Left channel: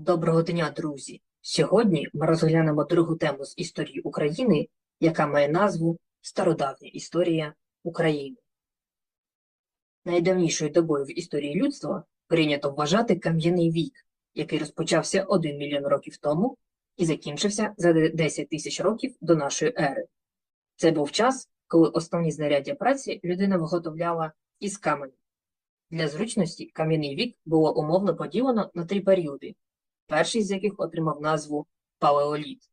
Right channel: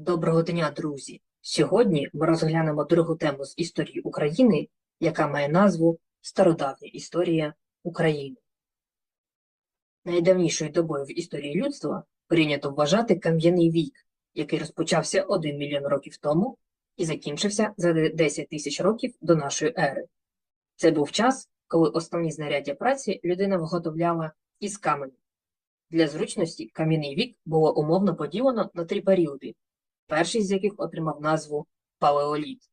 Доброго дня, друзі! Сьогодні ми розглянемо другу тему з історії України, яка має назву Стародавня історія України. Найдавнішою добою в історії людства прийнято вважати кам'яний вік, який розпочався 1 мільйон років тому і закінчився за 10 тисяч років до нашої ери. Це був час, коли основні знаряддя праці людина виготовляла із каменю. Для зручності кам'яний вік було умовно поділено на три періоди перший з яких отримав назву палеоліт,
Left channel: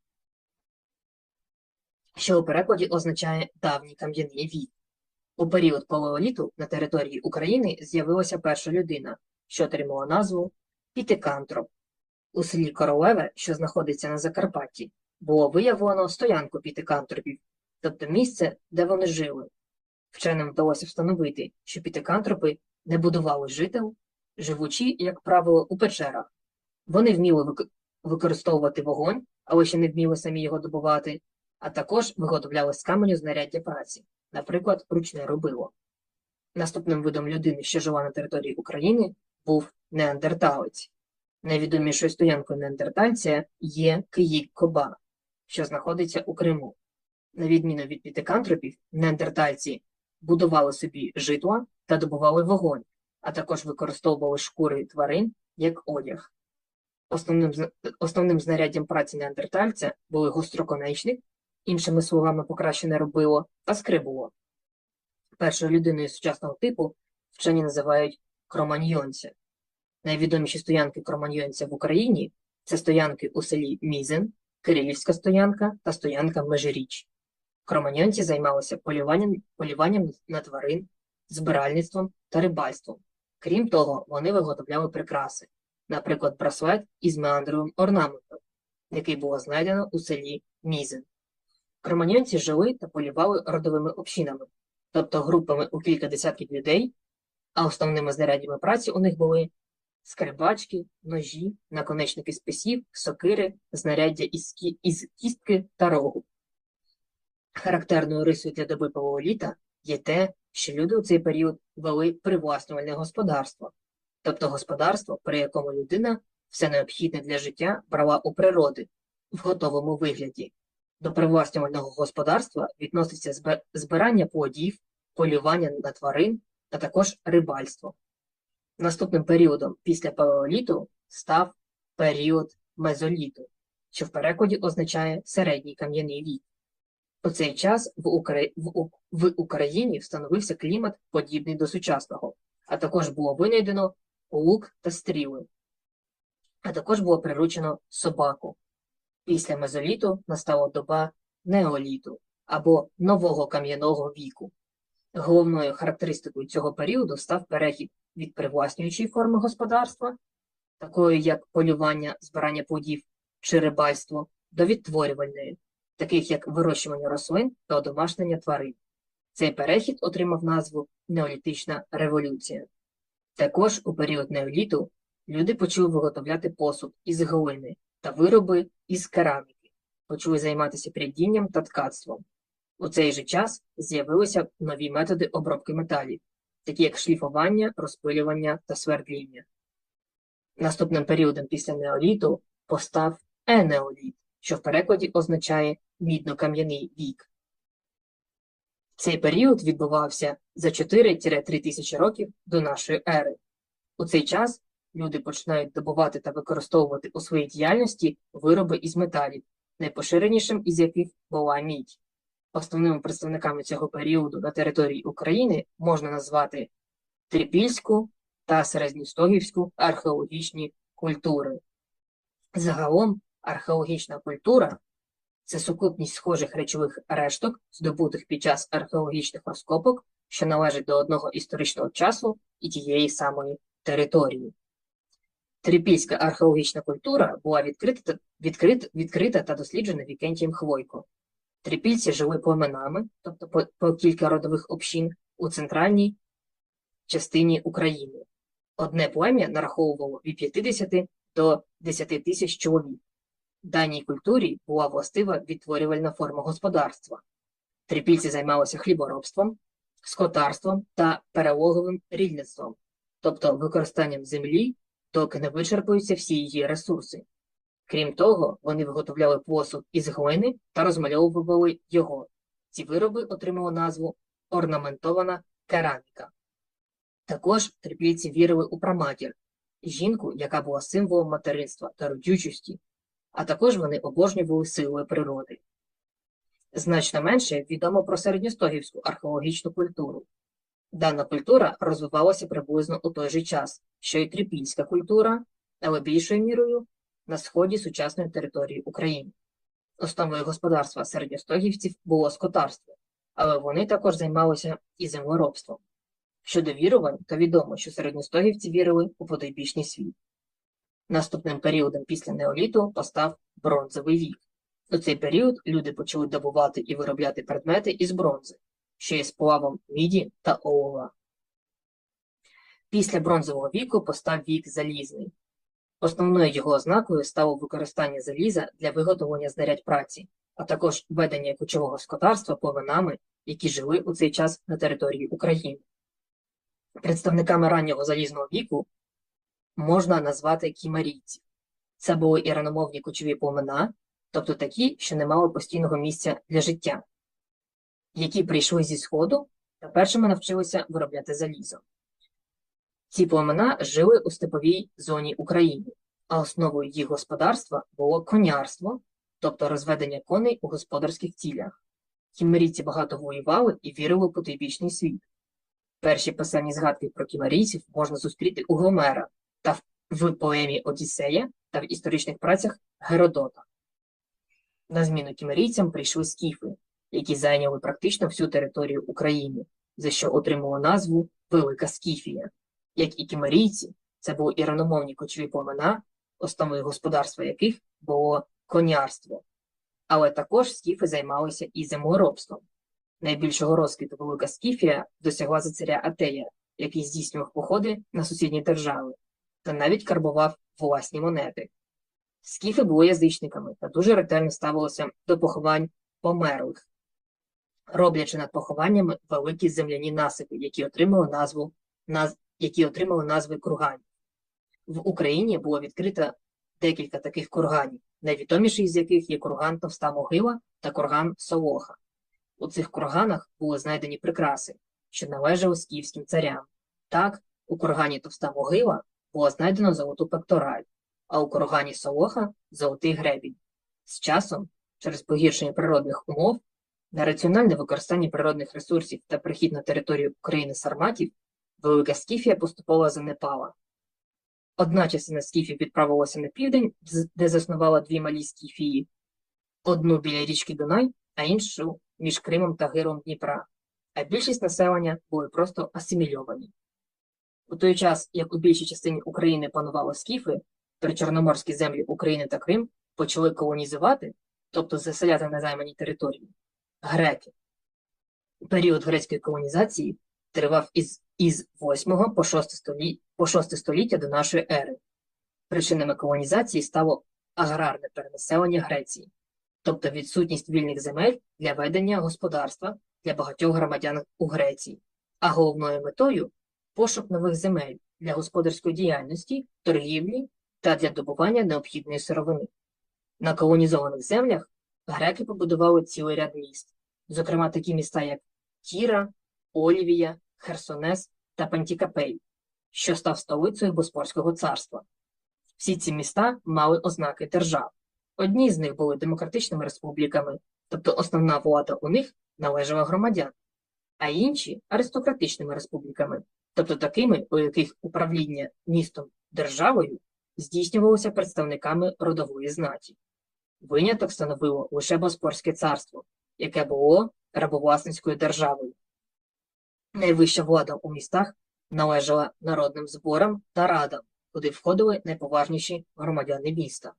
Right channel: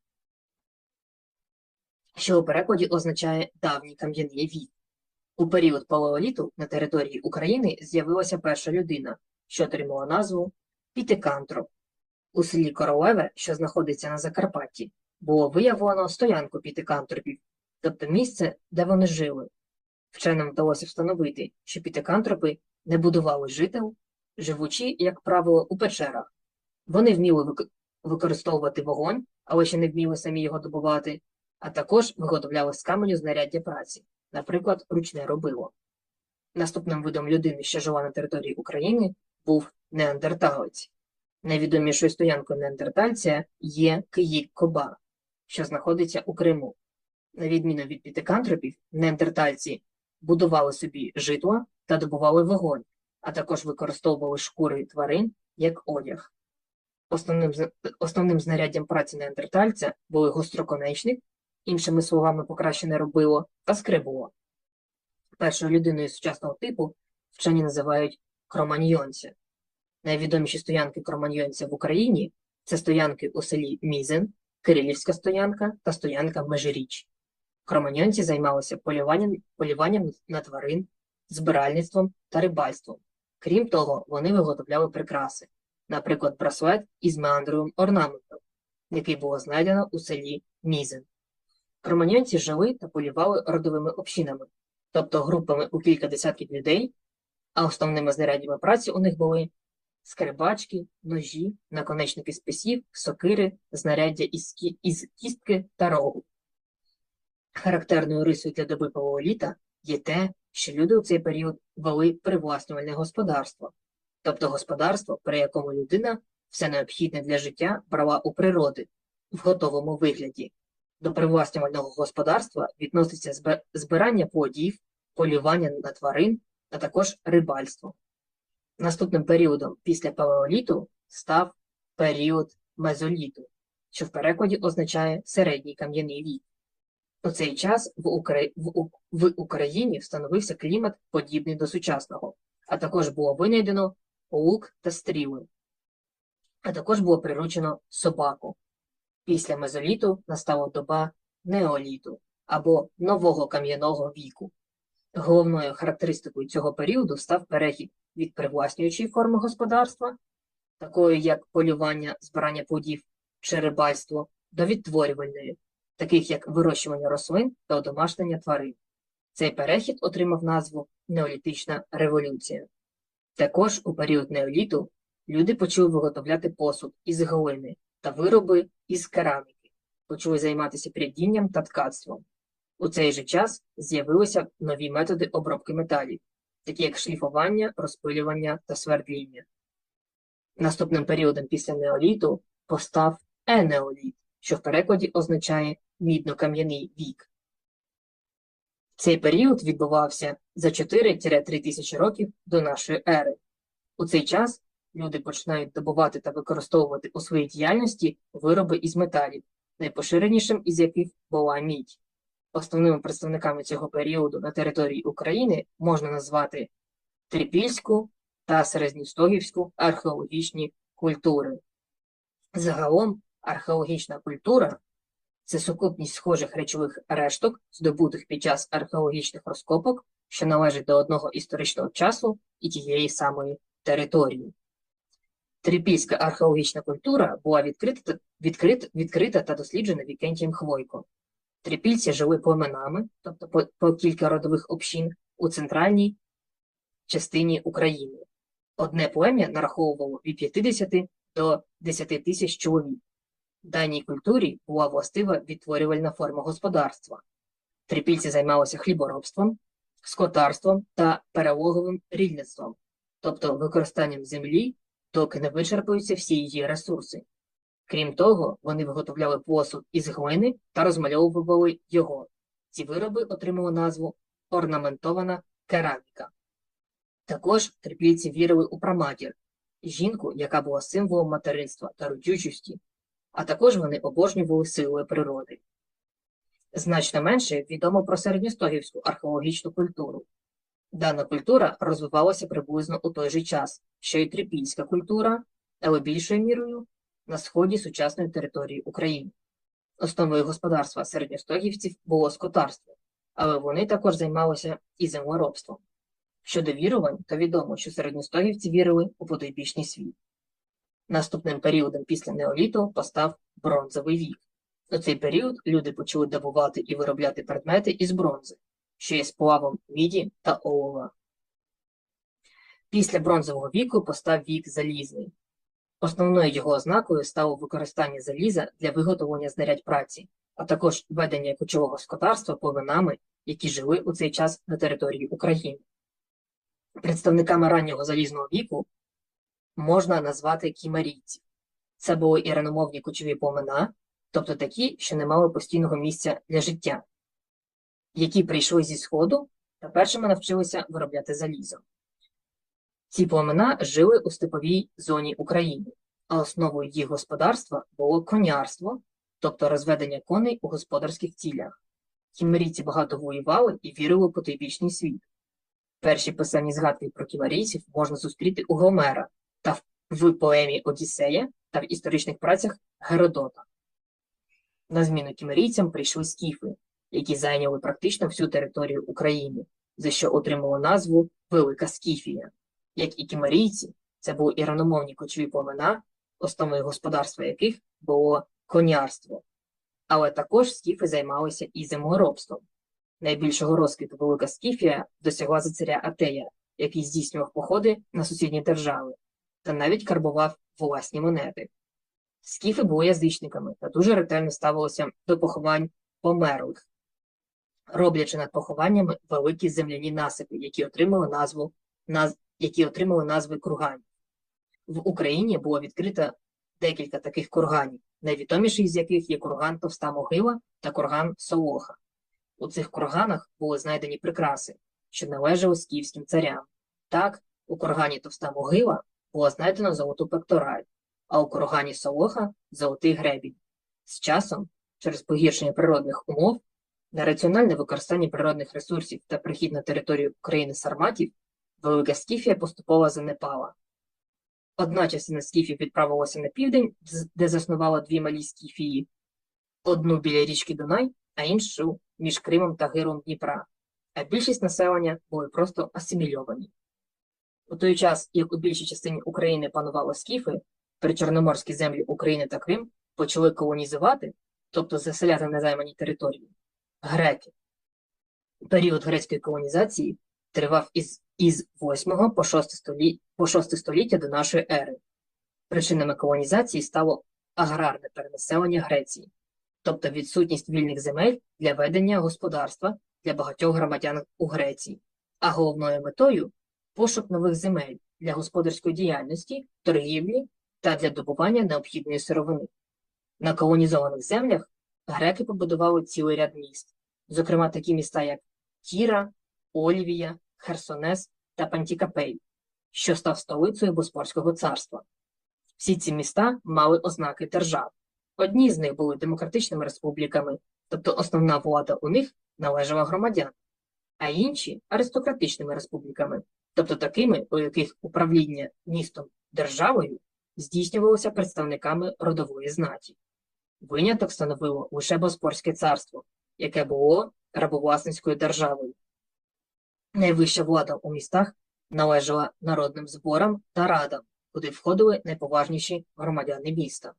що у перекладі означає давній кам'яний вік. У період палеоліту на території України з'явилася перша людина, що отримала назву Пітикантро. У селі Королеве, що знаходиться на Закарпатті, було виявлено стоянку пітикантропів, тобто місце, де вони жили. Вченим вдалося встановити, що пітикантропи не будували жител, живучи, як правило, у печерах. Вони вміли використовувати вогонь, але ще не вміли самі його добувати, а також виготовляли з каменю знаряддя праці, наприклад, ручне робило. Наступним видом людини, що жила на території України, був неандерталець. Найвідомішою стоянкою неандертальця є Київ-Коба, що знаходиться у Криму. На відміну від пітикантропів, неандертальці будували собі житла та добували вогонь, а також використовували шкури тварин як одяг. Основним, основним знаряддям праці неандертальця були гостроконечник, іншими словами покращене робило, та скрибуло. Першою людиною сучасного типу вчені називають кроманьйонця. Найвідоміші стоянки кроманьйонця в Україні це стоянки у селі Мізен, Кирилівська стоянка та стоянка Межиріч. Кроманьйонці займалися полюванням, полюванням на тварин, збиральництвом та рибальством. Крім того, вони виготовляли прикраси, наприклад, браслет із меандровим орнаментом, який було знайдено у селі Мізен. Кроманьонці жили та полювали родовими общинами, тобто групами у кілька десятків людей, а основними знаряддями праці у них були скрибачки, ножі, наконечники списів, сокири, знаряддя із, кі- із кістки та рогу. Характерною рисою для доби палеоліта є те, що люди у цей період вели привласнювальне господарство, тобто господарство, при якому людина все необхідне для життя брала у природи в готовому вигляді. До привласнювального господарства відноситься збирання плодів, полювання на тварин, а також рибальство. Наступним періодом після палеоліту став період мезоліту, що в перекладі означає середній кам'яний вік. У цей час в, Украї... В Україні встановився клімат, подібний до сучасного, а також було винайдено лук та стріли, а також було приручено собаку. Після мезоліту настала доба неоліту або нового кам'яного віку. Головною характеристикою цього періоду став перехід від привласнюючої форми господарства, такої як полювання, збирання плодів чи рибальство, до відтворювальної, таких як вирощування рослин та одомашнення тварин. Цей перехід отримав назву Неолітична революція. Також у період неоліту люди почали виготовляти посуд із глини та вироби із кераміки, почали займатися прядінням та ткацтвом. У цей же час з'явилися нові методи обробки металів, такі як шліфування, розпилювання та свердління. Наступним періодом після неоліту постав енеоліт, що в перекладі означає мідно-кам'яний вік. Цей період відбувався за 4-3 тисячі років до нашої ери. У цей час люди починають добувати та використовувати у своїй діяльності вироби із металів, найпоширенішим із яких була мідь. Основними представниками цього періоду на території України можна назвати Трипільську та Середньостогівську археологічні культури. Загалом археологічна культура це сукупність схожих речових решток, здобутих під час археологічних розкопок, що належать до одного історичного часу і тієї самої території. Трипільська археологічна культура була відкрита, та- відкрит- відкрита та досліджена Вікентієм Хвойко. Трипільці жили племенами, тобто по, по кілька родових общин, у центральній частині України. Одне плем'я нараховувало від 50 до 10 тисяч чоловік. Даній культурі була властива відтворювальна форма господарства. Трипільці займалися хліборобством, скотарством та перелоговим рільництвом, тобто використанням землі доки не вичерпуються всі її ресурси. Крім того, вони виготовляли посуд із глини та розмальовували його. Ці вироби отримали назву орнаментована кераміка. Також трипільці вірили у праматір, жінку, яка була символом материнства та родючості, а також вони обожнювали силою природи. Значно менше відомо про середньостогівську археологічну культуру. Дана культура розвивалася приблизно у той же час, що й трипільська культура, але більшою мірою на сході сучасної території України. Основою господарства середньостогівців було скотарство, але вони також займалися і землеробством. Щодо вірувань, то відомо, що середньостогівці вірили у потойбічний світ. Наступним періодом після неоліту постав бронзовий вік. У цей період люди почали добувати і виробляти предмети із бронзи, що є сплавом міді та олова. Після бронзового віку постав вік залізний. Основною його ознакою стало використання заліза для виготовлення знарядь праці, а також ведення кочового скотарства повинами, які жили у цей час на території України. Представниками раннього залізного віку можна назвати кімарійців. Це були іраномовні кочові племена, тобто такі, що не мали постійного місця для життя, які прийшли зі Сходу та першими навчилися виробляти залізо. Ці племена жили у степовій зоні України, а основою їх господарства було конярство, тобто розведення коней у господарських цілях. Кімерійці багато воювали і вірили у потойбічний світ. Перші писані згадки про кімерійців можна зустріти у Гомера та в поемі Одіссея та в історичних працях Геродота. На зміну кімерійцям прийшли скіфи, які зайняли практично всю територію України, за що отримало назву Велика Скіфія. Як і кімерійці, це були іраномовні кочові племена, основою господарства яких було конярство. Але також скіфи займалися і землеробством. Найбільшого розквіту Велика Скіфія досягла за царя Атея, який здійснював походи на сусідні держави та навіть карбував власні монети. Скіфи були язичниками та дуже ретельно ставилися до поховань померлих, роблячи над похованнями великі земляні насипи, які отримали назву наз... які отримали назви курганів. В Україні було відкрито декілька таких курганів, найвідоміший з яких є курган Товста Могила та курган Солоха. У цих курганах були знайдені прикраси, що належали скіфським царям. Так, у кургані Товста Могила було знайдено золоту пектораль, а у кургані Солоха золотий гребінь. З часом, через погіршення природних умов, на раціональне використання природних ресурсів та прихід на територію України сарматів, Велика Скіфія поступово занепала. Одна частина скіфів відправилася на південь, де заснувала дві малі скіфії, одну біля річки Дунай, а іншу між Кримом та Гиром Дніпра, а більшість населення були просто асимільовані. У той час, як у більшій частині України панували скіфи, причорноморські землі України та Крим почали колонізувати, тобто заселяти на займані території, греки. Період грецької колонізації тривав із із 8 по 6 століття, по 6 століття до нашої ери. Причинами колонізації стало аграрне перенаселення Греції, тобто відсутність вільних земель для ведення господарства для багатьох громадян у Греції, а головною метою пошук нових земель для господарської діяльності, торгівлі та для добування необхідної сировини. На колонізованих землях греки побудували цілий ряд міст, зокрема такі міста, як Кіра, Олівія, Херсонес та Пантікапей, що став столицею Боспорського царства. Всі ці міста мали ознаки держав. Одні з них були демократичними республіками, тобто основна влада у них належала громадян, а інші аристократичними республіками, тобто такими, у яких управління містом державою здійснювалося представниками родової знаті. Виняток становило лише Боспорське царство, яке було рабовласницькою державою. Найвища влада у містах належала народним зборам та радам, куди входили найповажніші громадяни міста.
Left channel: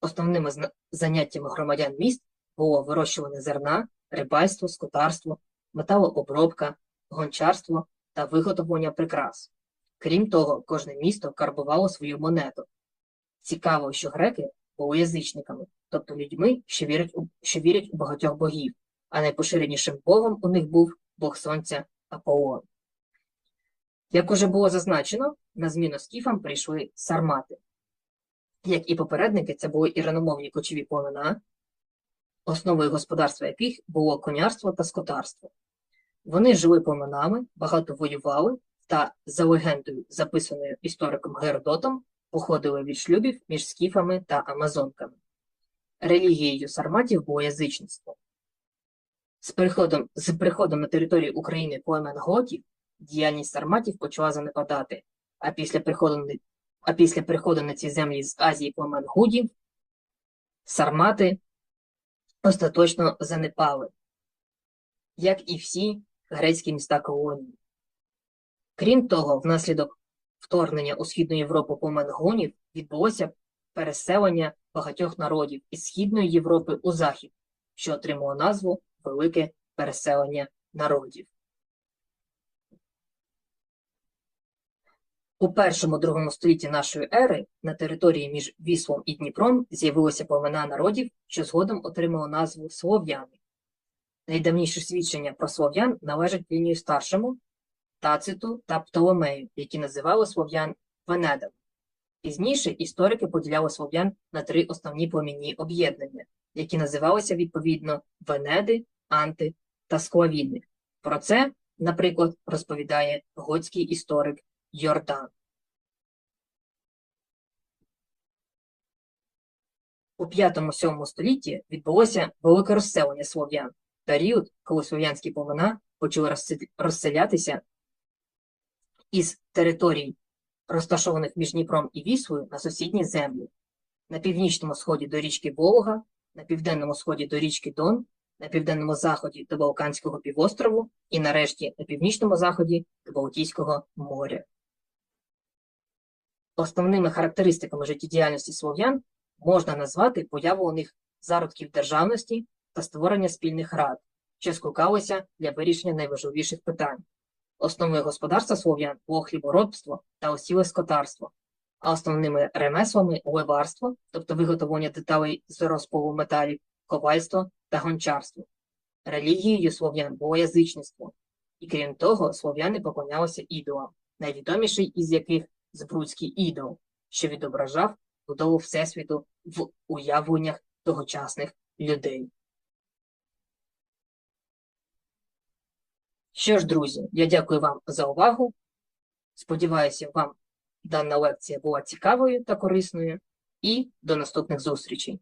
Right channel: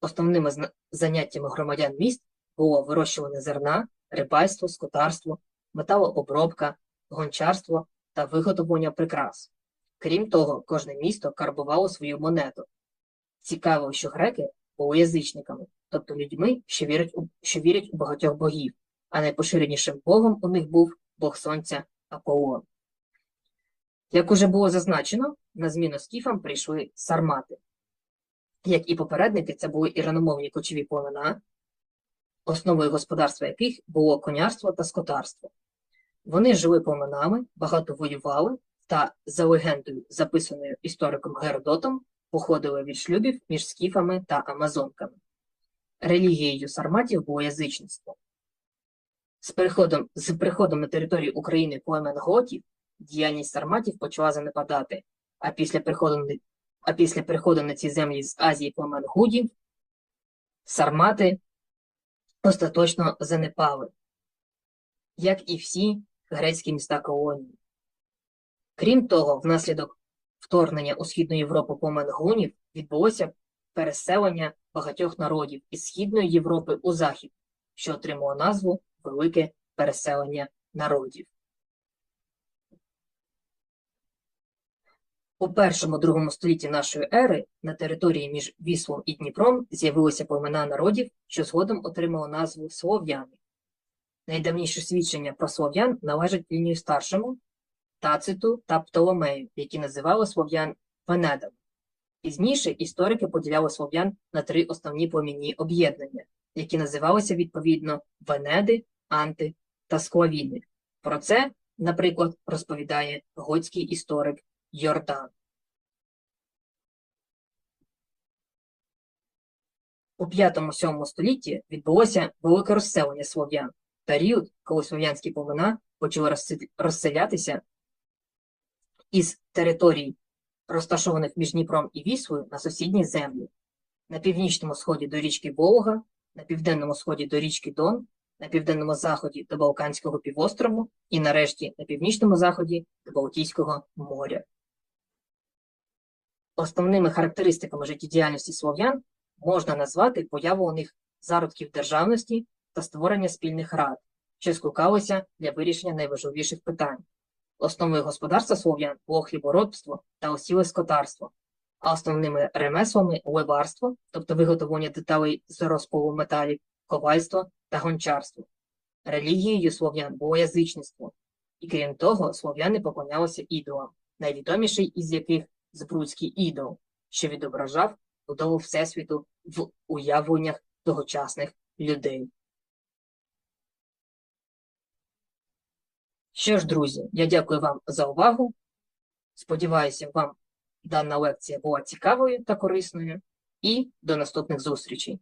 Основними заняттями громадян міст було вирощування зерна, рибальство, скотарство, металообробка, гончарство та виготовлення прикрас. Крім того, кожне місто карбувало свою монету. Цікаво, що греки були язичниками, тобто людьми, що вірять у, що вірять у багатьох богів, а найпоширенішим богом у них був бог сонця Аполлон. Як уже було зазначено, на зміну скіфам прийшли сармати. Як і попередники, це були іраномовні кочові племена, основою господарства яких було конярство та скотарство. Вони жили племенами, багато воювали та, за легендою, записаною істориком Геродотом, походили від шлюбів між скіфами та амазонками. Релігією сарматів було язичництво. З приходом, з приходом на територію України племен готів діяльність сарматів почала занепадати, а після приходу, а після приходу на ці землі з Азії племен гудів сармати остаточно занепали, як і всі грецькі міста колонії. Крім того, внаслідок вторгнення у Східну Європу племен гунів відбулося переселення багатьох народів із Східної Європи у Захід, що отримало назву Велике переселення народів. У першому-другому столітті нашої ери на території між Віслом і Дніпром з'явилися племена народів, що згодом отримали назву слов'яни. Найдавніше свідчення про слов'ян належать лінію старшому, Тациту та Птолемею, які називали слов'ян венедами. Пізніше історики поділяли слов'ян на три основні племінні об'єднання, які називалися відповідно Венеди, Анти та Склавіни. Про це, наприклад, розповідає готський історик Йордан. У 5-7 столітті відбулося велике розселення слов'ян, період, коли слов'янські племена почали розселятися із територій, розташованих між Дніпром і Віслою, на сусідні землі. На північному сході до річки Волга, на південному сході до річки Дон, на південному заході до Балканського півострову і нарешті на північному заході до Балтійського моря. Основними характеристиками життєдіяльності слов'ян можна назвати появу у них зародків державності та створення спільних рад, що скликалися для вирішення найважливіших питань. Основою господарства слов'ян було хліборобство та осіле скотарство, а основними ремеслами леварство, тобто виготовлення деталей з розпалу металів, ковальство та гончарство. Релігією слов'ян було язичництво, і крім того, слов'яни поклонялися ідолам, найвідоміший із яких Збруцький ідол, що відображав будову Всесвіту в уявленнях тогочасних людей. Що ж, друзі, я дякую вам за увагу. Сподіваюся, вам дана лекція була цікавою та корисною. І до наступних зустрічей!